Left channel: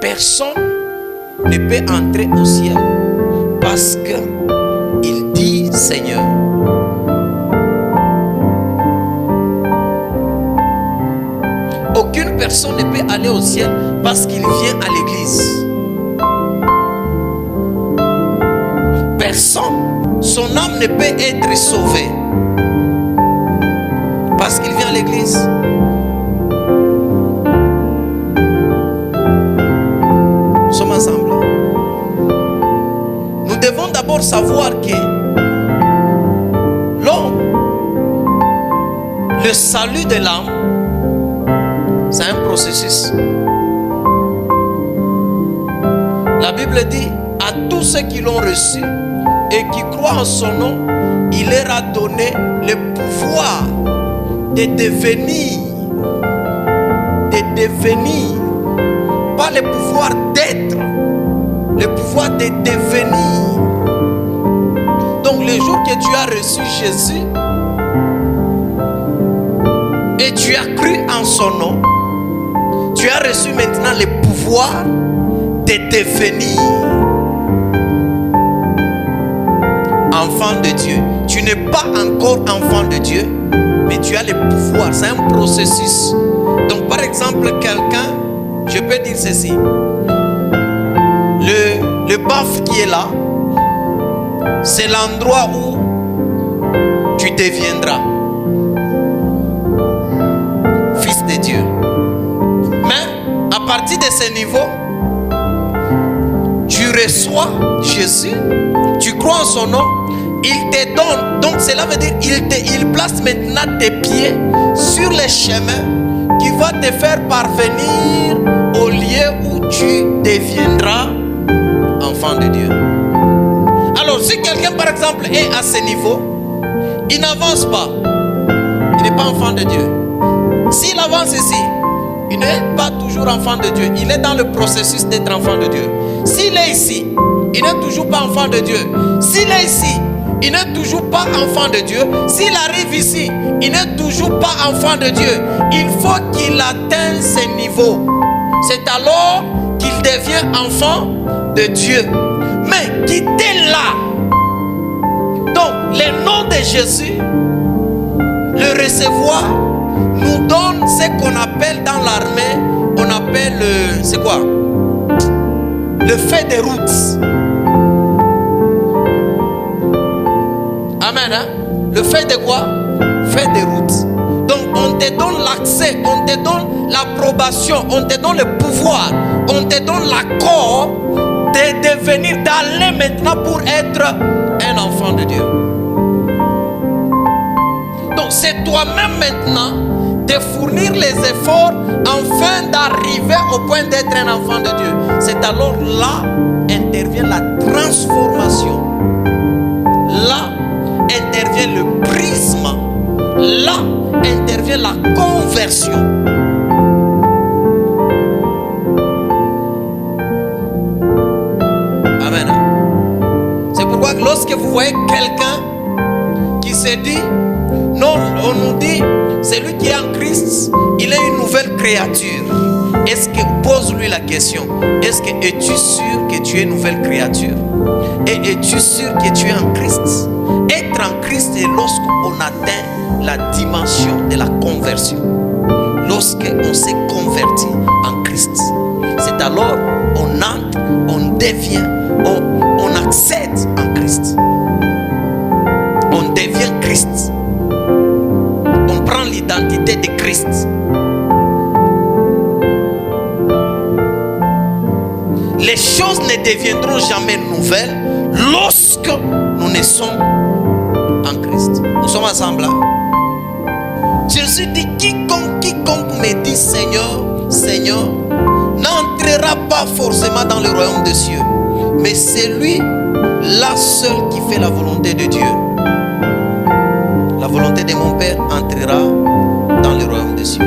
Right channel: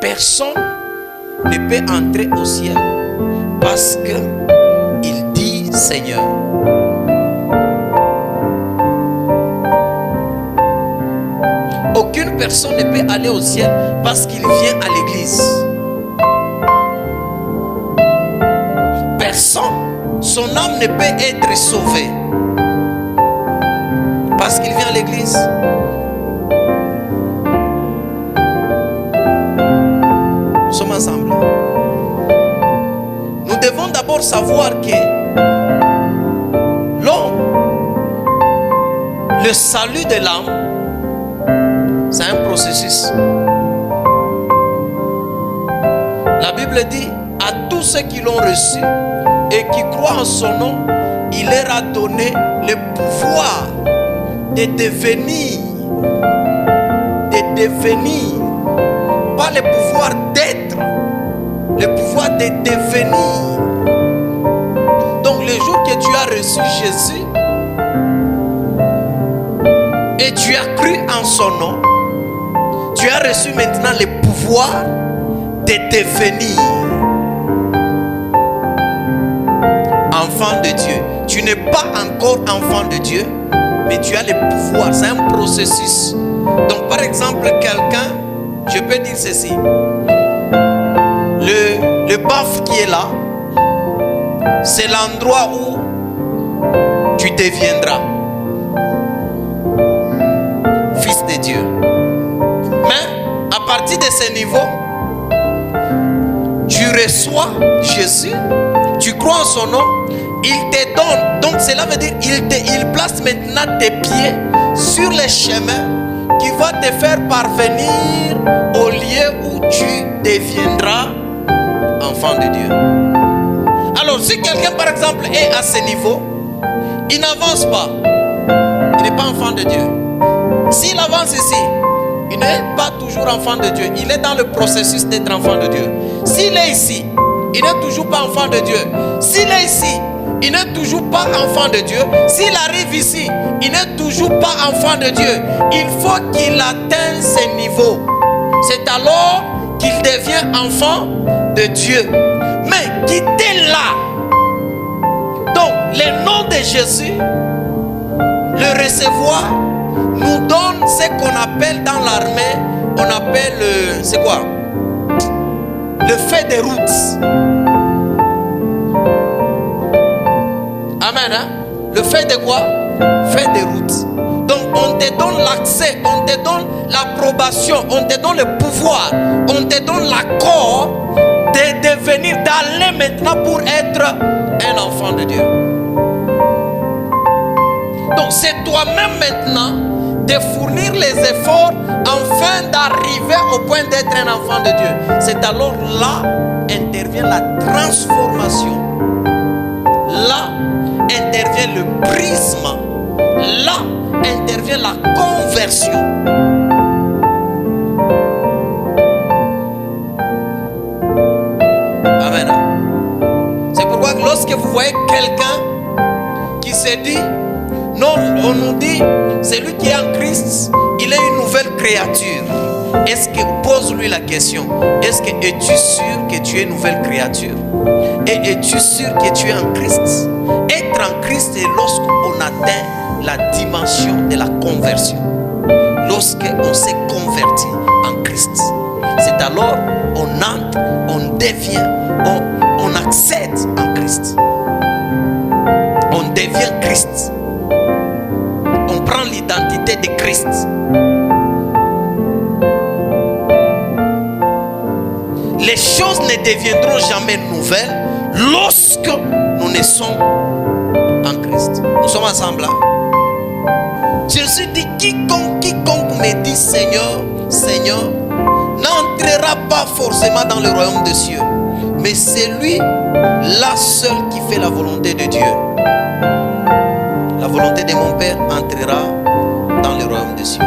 Personne ne peut entrer au ciel parce qu'il dit Seigneur. Aucune personne ne peut aller au ciel parce qu'il vient à l'église. Personne, son âme ne peut être sauvée parce qu'il vient à l'église. Nous sommes ensemble. Nous devons d'abord savoir que l'homme, le salut de l'âme, c'est un processus. La Bible dit à tous ceux qui l'ont reçu et qui croient en son nom, il leur a donné le pouvoir de devenir, pas le pouvoir d'être, le pouvoir de devenir. Donc le jour que tu as reçu Jésus et tu as cru en son nom, tu as reçu maintenant le pouvoir de devenir enfant de Dieu. Tu n'es pas encore enfant de Dieu, mais tu as le pouvoir. C'est un processus. Donc par exemple, quelqu'un, je peux dire ceci, le baf qui est là, c'est l'endroit où tu deviendras fils de Dieu. Mais à partir de ce niveau, tu reçois Jésus, tu crois en son nom, il te donne. Donc cela veut dire il place maintenant tes pieds sur les chemins qui va te faire parvenir au lieu où tu deviendras enfant de Dieu. Alors si quelqu'un par exemple est à ce niveau, il n'avance pas, il n'est pas enfant de Dieu. S'il avance ici, il n'est pas toujours enfant de Dieu, il est dans le processus d'être enfant de Dieu. S'il est ici, il n'est toujours pas enfant de Dieu. S'il est ici, il n'est toujours pas enfant de Dieu. S'il arrive ici, il n'est toujours pas enfant de Dieu. Il faut qu'il atteigne ce niveau. C'est alors qu'il devient enfant de Dieu. Mais quittez là. Donc, le nom de Jésus, le recevoir, nous donne ce qu'on appelle dans l'armée, on appelle, c'est quoi? Le fait des routes. Amen. Hein? Le fait de quoi? Fait des routes. Donc on te donne l'accès, on te donne l'approbation, on te donne le pouvoir, on te donne l'accord de devenir, d'aller maintenant pour être un enfant de Dieu. Donc c'est toi-même maintenant de fournir les efforts afin d'arriver au point d'être un enfant de Dieu. C'est alors là intervient la transformation. Là intervient le prisme. Là intervient la conversion. Amen. C'est pourquoi lorsque vous voyez quelqu'un qui se dit, non, on nous dit, celui qui est en Christ, il est une nouvelle créature. Est-ce que, pose-lui la question, es-tu sûr que tu es une nouvelle créature? Et es-tu sûr que tu es en Christ? Être en Christ, c'est lorsqu'on atteint la dimension de la conversion. Lorsqu'on s'est converti en Christ, c'est alors on entre, on devient, on accède en Christ. On devient Christ. On prend l'identité de Christ. Les choses ne deviendront jamais nouvelles lorsque nous naissons en Christ. Nous sommes ensemble là. Jésus dit, quiconque me dit Seigneur, Seigneur, n'entrera pas forcément dans le royaume des cieux, mais c'est lui là seul qui fait la volonté de Dieu. La volonté de mon Père entrera dans le royaume des cieux.